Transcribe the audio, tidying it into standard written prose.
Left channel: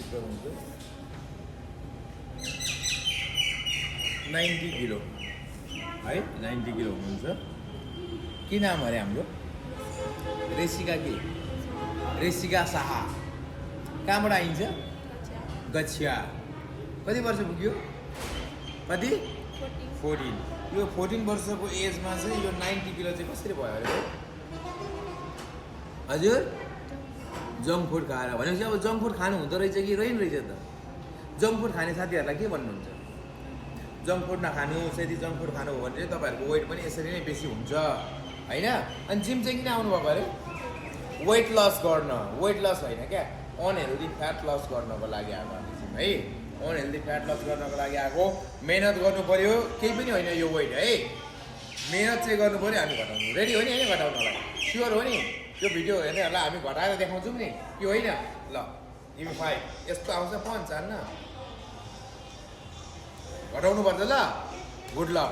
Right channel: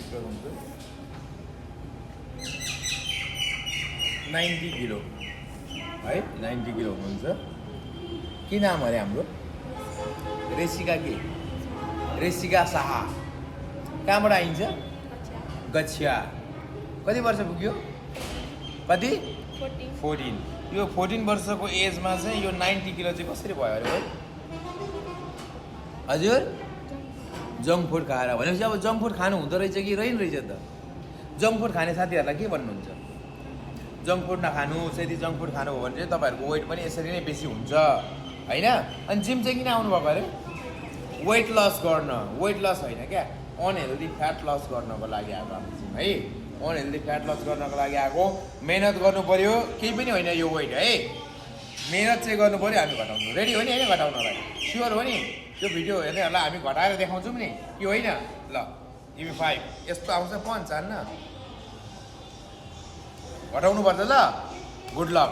check गर्नुहुन्छ 90 kilo है 90 kilo हुनुहुन्छ के नाम अरे हाम्रो रेसिका के रेसिका शाह कहाँबाट आइन्छ गच्छिया कति वर्ष पुग्यो कति 14 यो 14 वर्षको एजमा चाहिँ यो 90 किलो चाहिँ कसरी भयो अरे हजुर जङ्क फुड खाएर भनेपछि अब जङ्क फुड खानु हुँदो रहेछ कि रहेन रहेछ त जङ्क फुड खाने साथीहरूलाई के भन्नुहुन्छ जङ्क फुड नखानुहोस् यदि जङ्क फुड खानु हो भने चाहिँ तपाईँहरूको वेट पनि यसरी नै बेसी हुन्छ होइन अनि जिम चाहिँ किन आउनुभएको अरे वेट लस गर्न वेट लस होइन क्या अनहेल्दी फ्याट लस गर्नको लागि आएको हामी जिम है अनहेल्दी फ्याट लस गर्नको लागि आएको मेहनत गर्नु पर्यो केही पनि होइन यो वेट है मेहनत चाहिँ गर्नु पर्यो हामी घटाउनु रेडी हो नि होइन घटाउनलाई स्योर हो नि त्यो भिडियो हेर्नेहरूलाई हामी घटाएर देखाउँछौँ नि कि होइन ल तिमी 5 यस्तो आउँछ 5 हान्न घटाउनु पर्छ ल गुड लक